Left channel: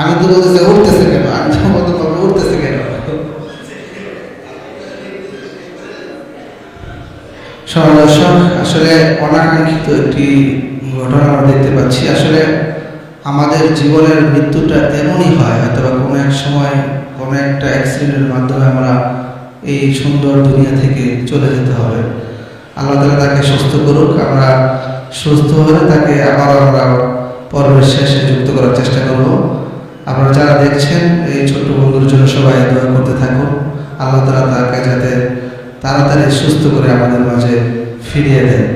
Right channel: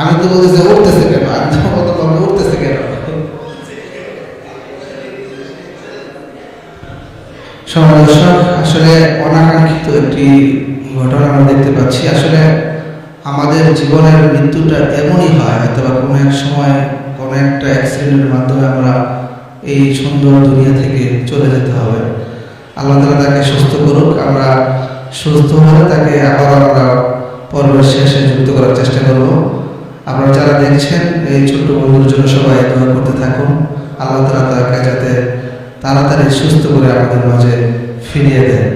আমি তো বলতেছি উঠতেছে কেন, আমি তো প্রথম ভাবলাম উঠতেছে কেন। দর্শক, আসলে অনাকাঙ্ক্ষিত একটি ঘটনা আমরা দেখতে পাচ্ছি। আসলে আমাদের জীবনের মৃত্যুটা এমনই হয়, হয়তো বা কোনো এক সময় কোনো একটা অ্যাক্সিডেন্টের মাধ্যমে আমরা এই সুন্দর দুনিয়া থেকে চলে যেতে হবে। আল্লাহ তাআলা তাকে সুস্থ করুক। আমরা সুস্থ হলে তাকে আবারও আমরা পর্বের শেষে যুক্ত করার চেষ্টা করব। আপনারা যারা দেখছেন এই ছোট্ট বন্ধুর জন্য সবাই দোয়া করতে থাকুন। আল্লাহ তাআলা তাকে যাতে তাড়াতাড়ি সুস্থ করে আমাদের মাঝে ফিরিয়ে দেয়।